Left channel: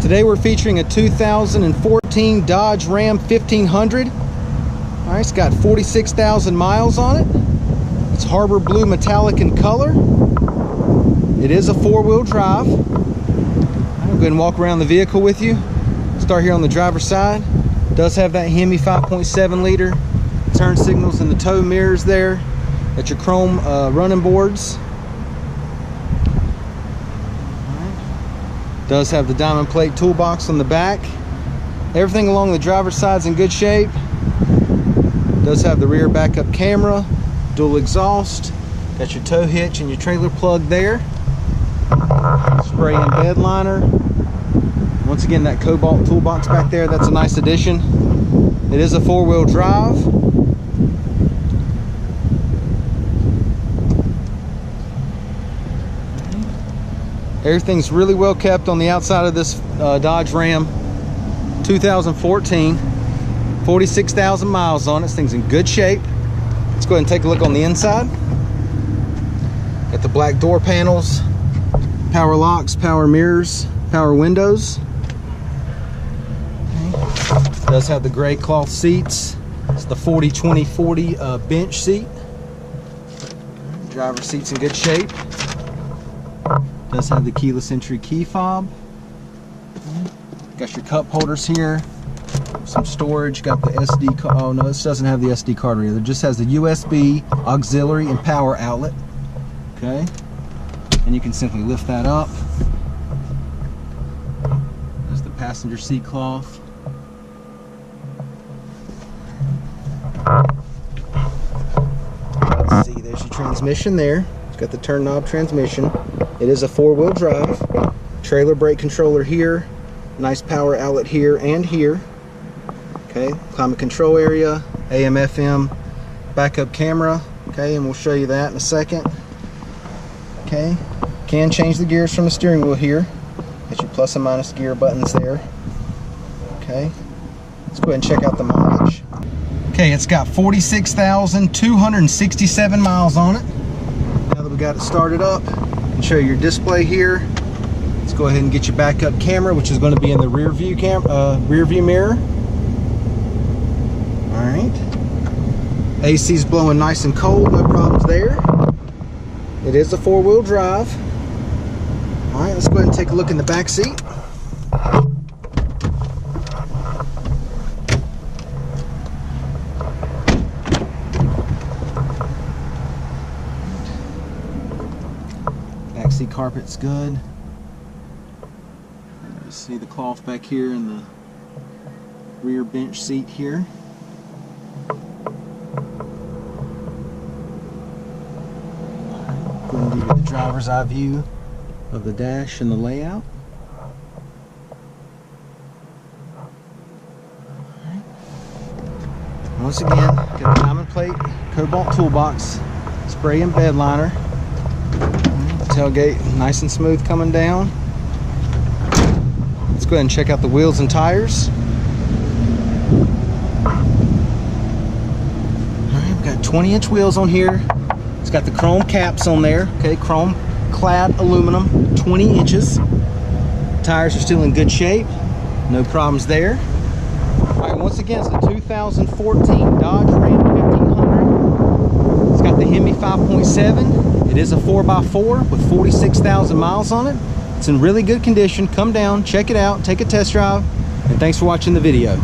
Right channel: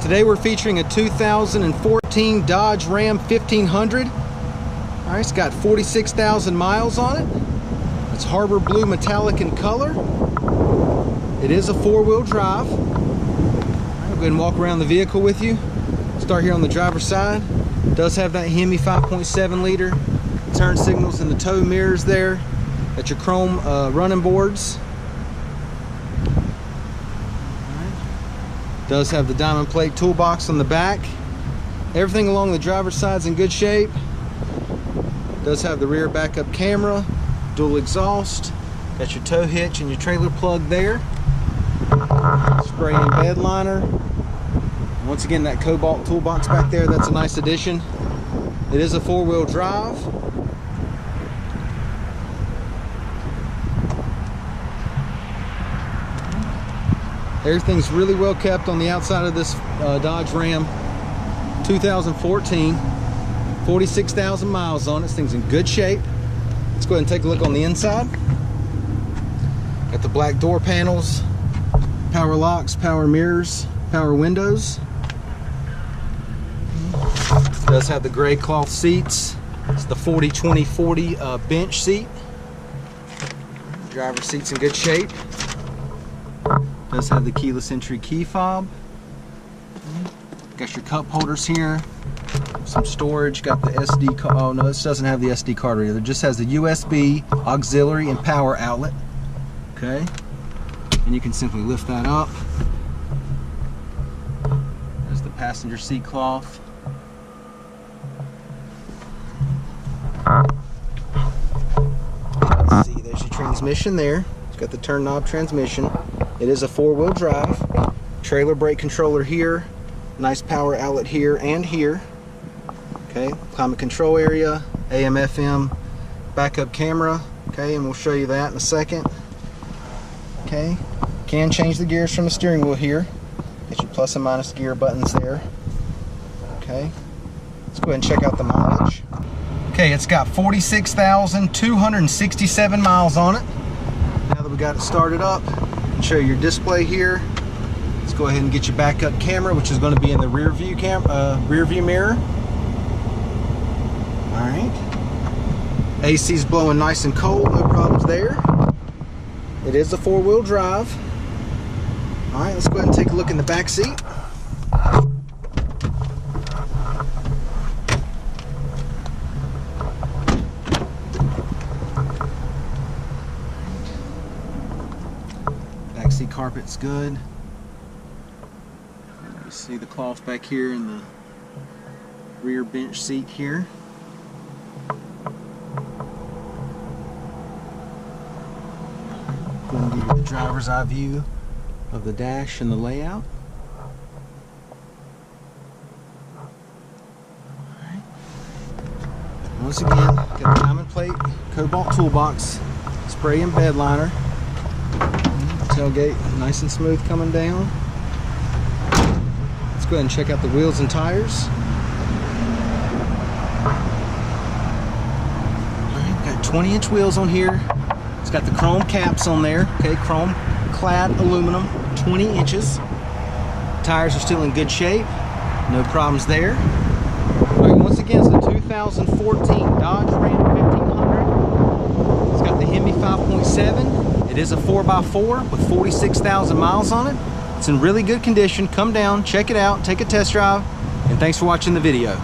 Today we're featuring a 2014 Dodge Ram 1500. All right, it's got 46,000 miles on it. It's Harbor Blue metallic in color. It is a four-wheel drive. All right, I'll go ahead and walk around the vehicle with you. Start here on the driver's side. It does have that HEMI 5.7 liter. Turn signals and the tow mirrors there. Got your chrome running boards. Does have the diamond plate toolbox on the back. Everything along the driver's side's in good shape. Does have the rear backup camera, dual exhaust. Got your tow hitch and your trailer plug there. Spray and bed liner. Once again, that cobalt toolbox back there, that's a nice addition. It is a four-wheel drive. Everything's really well kept on the outside of this Dodge Ram 2014. 46,000 miles on it. This thing's in good shape. Let's go ahead and take a look on the inside. Got the black door panels, power locks, power mirrors, power windows. Okay. Does have the gray cloth seats. It's the 40-20-40 bench seat. Driver's seat's in good shape. Does have the keyless entry key fob. Got your cup holders here. Some storage. Got the SD card. Oh no, this doesn't have the SD card reader. It just has the USB, auxiliary, and power outlet. Okay. And you can simply lift that up. There's the passenger seat cloth. Let's see, there's your transmission there. Got the turn knob transmission. It is a four-wheel drive. Trailer brake controller here. Nice power outlet here and here. Okay, climate control area, AM, FM, backup camera. Okay, and we'll show you that in a second. Okay, can change the gears from the steering wheel here. Got your plus and minus gear buttons there. Okay, let's go ahead and check out the mileage. Okay, it's got 46,267 miles on it. Now that we got it started up, I can show you your display here. Let's go ahead and get your backup camera, which is going to be in the rear view mirror. All right. AC's blowing nice and cold, no problems there. It is a four-wheel drive. All right, let's go ahead and take a look in the back seat. Back seat carpet's good. You see the cloth back here in the rear bench seat here. Go ahead and give you the driver's eye view of the dash and the layout. All right. Once again, got the diamond plate, cobalt toolbox, spray and bed liner. Tailgate nice and smooth coming down. Let's go ahead and check out the wheels and tires. All right, we've got 20-inch wheels on here. It's got the chrome caps on there. Okay, chrome clad aluminum, 20 inches. Tires are still in good shape. No problems there. All right, once again, it's the 2014 Dodge Ram 1500. It's got the HEMI 5.7. It is a 4x4 with 46,000 miles on it. It's in really good condition. Come down, check it out, take a test drive, and thanks for watching the video.